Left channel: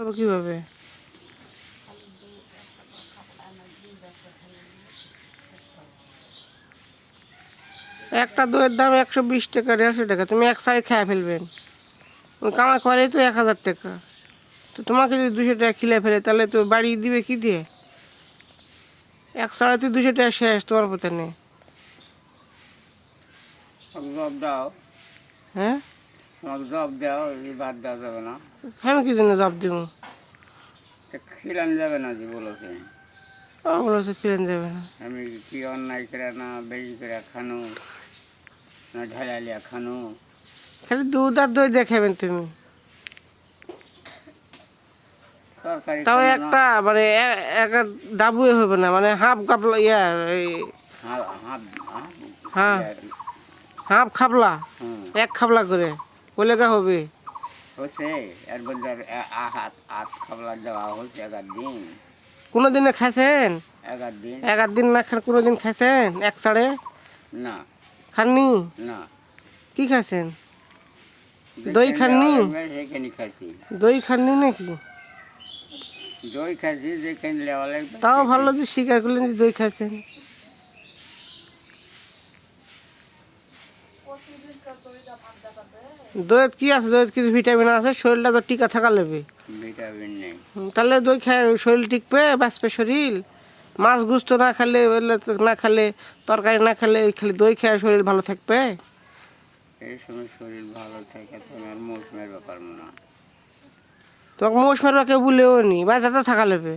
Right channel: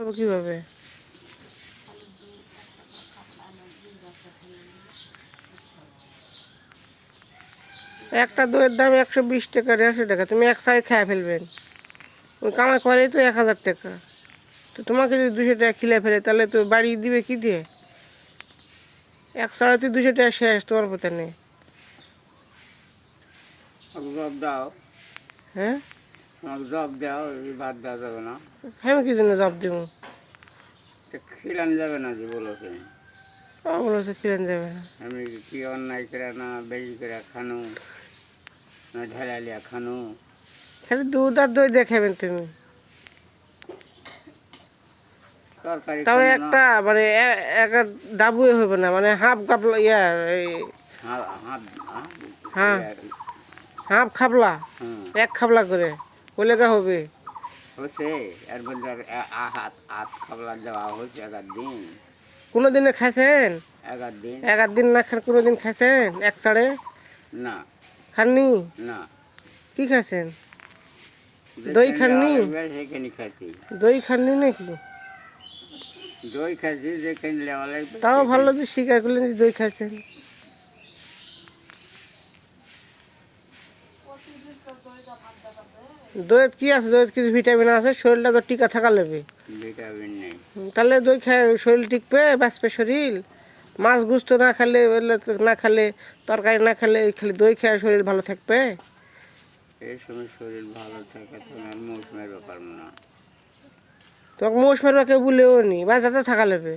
কীভাবে? একটা দইয়ের দাম একশো বিশ টাকা দেড়শো টাকা। তুমি এক সাইড খেয়ে ফেলবেন। কামাই করে তো এক হাজার টাকা। তো তোমাকে যদি দুশো টাকা খিলে ফেলে তাহলে তো বাড়ি দিবে কি দিয়ে? এক সাড়ে তো দুশো টাকা শেষ তোমার পথে নেই। দাও। হ্যাঁ? আমাকে জব দাও এই বাদ দেওয়া যাবে না। আমি কি জন্য জব দেবো? তো খিলানো যাবে না যে বলেছে। ওগুলো তো কিনে দেবে না। আমি কি অন্যায় করে না বেশি করে খানো না ঢেলালিয়া খানো? খালি দুধ আর দই দেখাবেন তুমি। তরকারি তবে একটা মানে একটা ডাবুয়ে হবে না মানে হাফ কাপ ইয়ার এই হা- হাত হাত- হ্যাঁ। হাফ খাবলা এক খাবলা করে। ওলেগা হবে? হচ্ছে এর মধ্যে হাত হাত খাবলা দেওয়া হচ্ছে এগার দিন। কোনো দিনে খাইছেন? এগার দিন। আধ দিন না খান কোনো দিন খাইছেন? এক সাড়ে? না। খাননি? না। কি খাইছেন? দই খাননি? সেখানে খাইছি। দই খাননি নাকি? দই খাইছি যেখানে লেওয়া লাগবে। তাও ভালো যে স্বীকার করলেন যে দই খাচ্ছেন দইয়ের কি আছে? দইয়ের কিছু ভিটামিন আছে? শরীরটা তো টিকা থাকা লাগবে ভিটামিন নেই। তাহলে দই খায় শরীর টিকবে বাঁচবে শরীর? মাছ গুস্ত না খেলে না খেলে তরকারি না খেলে খালি দই খেয়ে শরীর ভালো থাকবে? এই সময় শরীর ভালো থাকে তখন আর মৌসুমের ব্যাপার না তোমাকে মোষ মারবা কেউ বলেও নি বাঁচা তো থাকা লাগবে।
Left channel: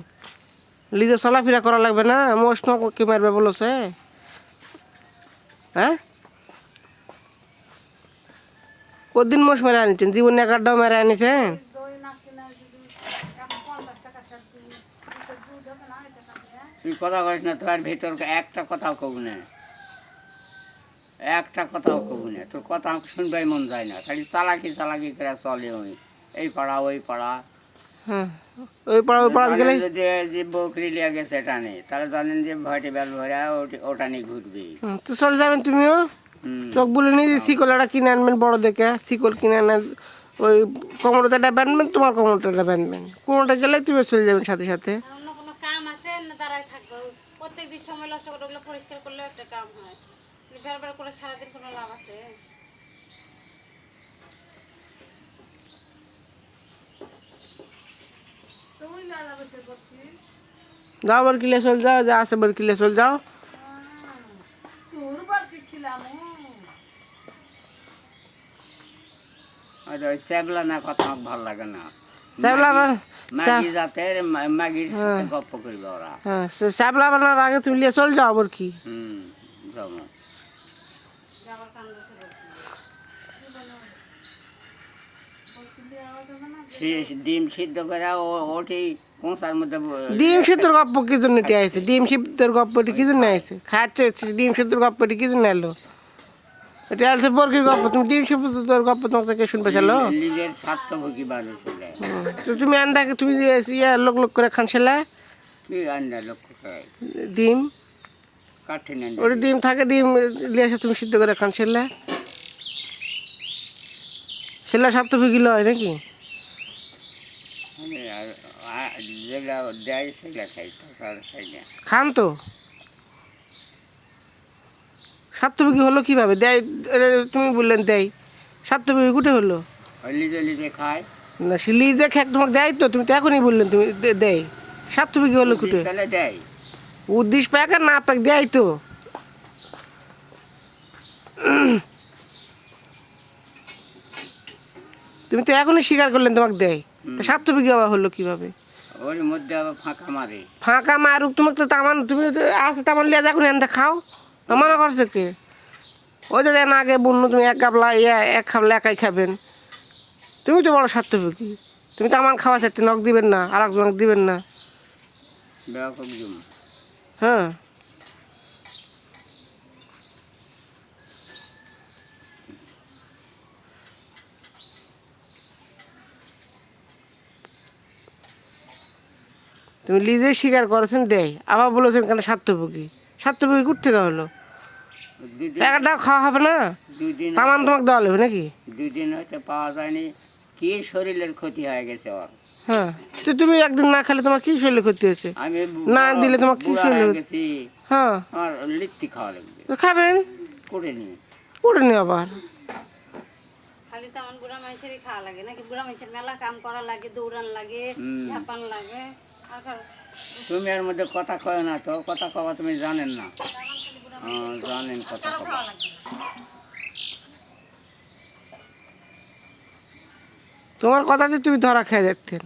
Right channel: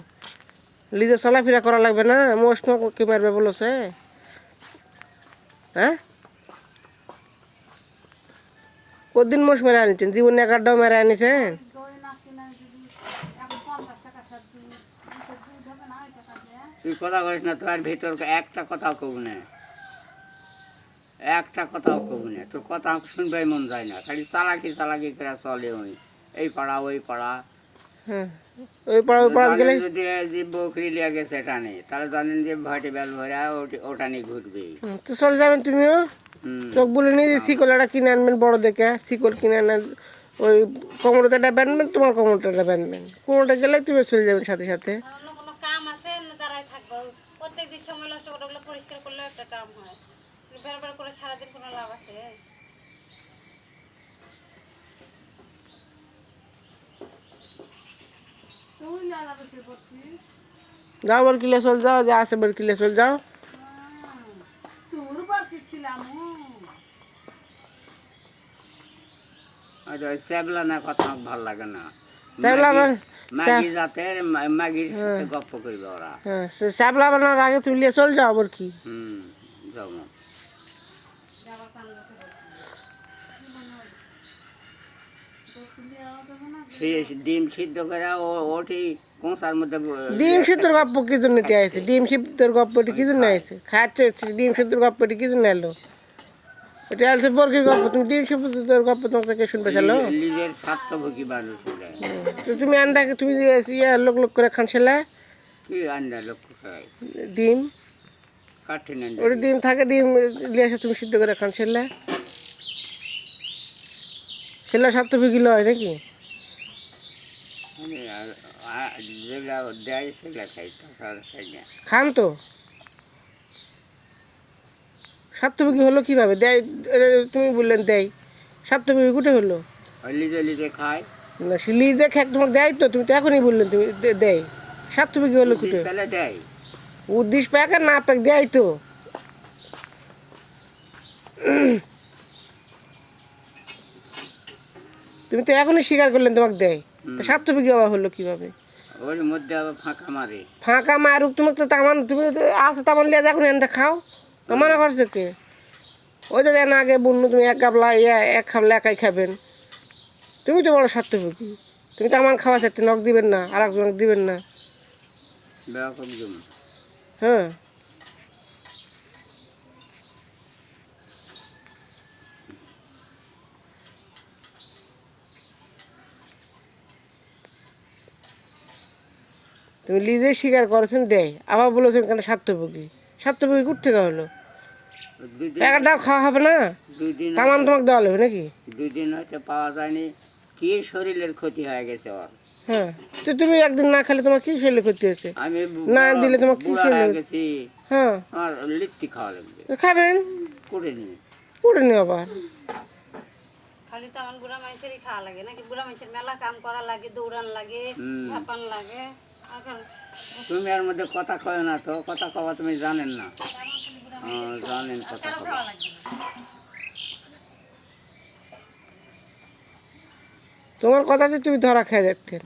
লিজে চলাফেরা করা লাগবে না মোষ তোমাকে কে মারবে বলেছে? হ্যাঁ? কদিন মোষ মেরে আনছেন? জীবনে এগারোটাও মেরে আনিছেন? তুই কথা করিস না তোর ভিতর একটা কথাও কব না। একটা কথাও কব না। তোর কথা শুনবাই মন যায় না। খালি চালাকি চালাকি করে চলে ওই এই পাড়া ওই পাড়া। ওই পাড়া ওই পাড়া গেলে যদি যে বকরি লিয়া গেছে এটা নেই তাহলে জানেন যে ভাটি বেল ভরে ওটা নিয়ে ঘুরবে তো চলে যাবেন তুমিও? চোখ বলে নিয়ে শিকল একটা কিনে আনবেন বড় দেখে শিকল কিনে আনা ওই কোমরটাটা বাঁধবেন তোমার কোমরটাটা বাঁধবেন। কোমরটা গেলে তুমি চলে যাবেন সাথে সাথে। অন্য কোনো কাম আছে দাঁড়ায় থাকব? প্রত্যেক দিন সময় নষ্ট করে ওগুলো পরিষ্কার করলেও একটা কাম হয়। বের বের করে সারাদিন কোনো লাভ আছে? যাও বার কিলে চল যাও যা আছে বার কিলে চল যাও। আর ওই শ্যাবলা না কথা আমার ভালো লাগে না। সাথে গপ্প করবে ওরা। হ্যাঁ শ্যাবলা বানানোর আগে তুমি চল যাও আবার কি। হুম যেমন ডিম সিদ্ধ করে ও- ওঠি কোঁচার মধ্যে ডিম সিদ্ধর গপ্প কি জন্য আইছে? ডিম সিদ্ধর গপ্পটি কি জন্য আইছে? খাচ্ছে ডিম সিদ্ধর গপ্পটি কি জন্য এলো এটা আলছে বর্গির গপ্প তুমি ডিম সিদ্ধর গপ্প তোমাকে শুনবে চলো নিজের স্বার্থভোগী মানুষ তো তুমি আন্দাকে তুমি ইয়া লোক লোক করে খান সেলা কি লক্ষ্য করে? ডিম? আন্ডা ওটা ডিম থাকে ডিম লিয়ে তুমি সিদ্ধ করে খান সেলা সেলা সাত বিকিলো হয় নাকি? খান তো। সাতবিঘি হলো কীভাবে? দেয় তুমি বললেন দেয়। সাতবিঘি কুটে হলো? খায়। না যে খেক তোমার দেয় তো তুমি তো এখনই বললেন তুমি দেয়। সাতবিঘি হলো কুটে। দেয়। উদ্দিশ প্যাক আর না প্যাক দেয় তো। তুমি তো এখনই স্বীকার করলেন তোমাকে দেয়। তো সাতবিঘি আবার হলো কীভাবে? ওর মধ্যে আবার ফাঁকা মারে। ফাঁকা মারুক তোমাকে তো তামান তুমি আছে তামান লিয়া যখন এনতে খাও। আমার করছে কে? ওই তো দেন আগে বন্য তুমি এক গাবলা ইয়া এক খাবলা একাই খাবেন। তুমি তো বড় স্বার্থভোগী তুমি তো আমার খাওয়া চাইতে নখ দিবেন না আর একজনক দিবেন না। হ্যাঁ। তুমি লিজে স্বীকার করেছেন দেয় আবার বলেছেন কেন স্বার্থভোগী স্বার্থভোগী কোথ থেকে হলো একটা খাওয়া হবে না? তামান তোমাকে দেওয়া লাগবে নাকি? দুই দিন হতে পাওয়া যায়নি। কি শরীরের ক্ষতি হয়ে গেছে ওর? হ্যাঁ তো তুমি একদিন না খেলে তোমার কি শরীরে ক্ষতি হয়েছে? আমি না দিলে তোমার কি? হয়ে গেছি। হ্যাঁ। আমার লিখতে খাওয়া লাগবে। তো খাবেন? করে নিয়ে করে নি আবার। খালি তো আমার বুড়া মানুষেরই খাওয়া লাগে। নাকি বুড়া মানুষের মেলা কাম করা লাগে দৌড়ান লাগে। ঝাপান তুমি এর মধ্যে কথা কয় না তো কথা কওয়া তুমি জানেন না। জানেন কথা কওয়া। তোমার কথাতে তুমি ধরা খেয়ে যাচ্ছেন